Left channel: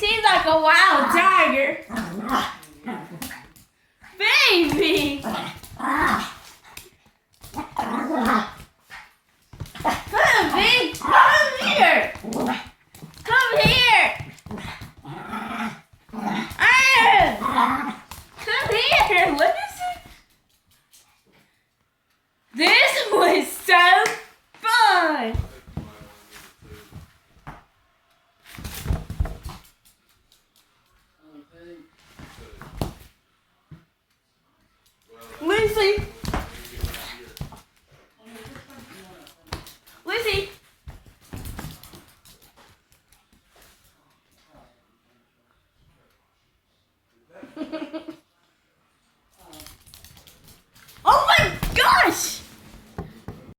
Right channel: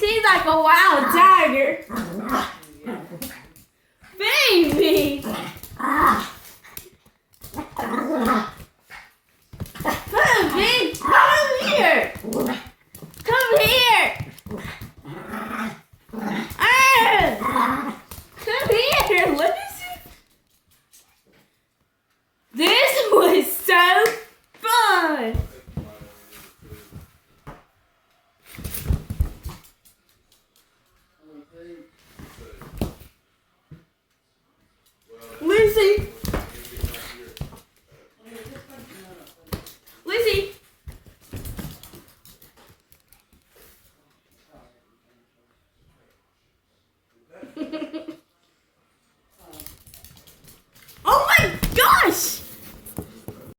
She's like a wild tiger. Baby! Come, Pig! Come here! Come here! Come here! What is it? This was so fun! Lucy,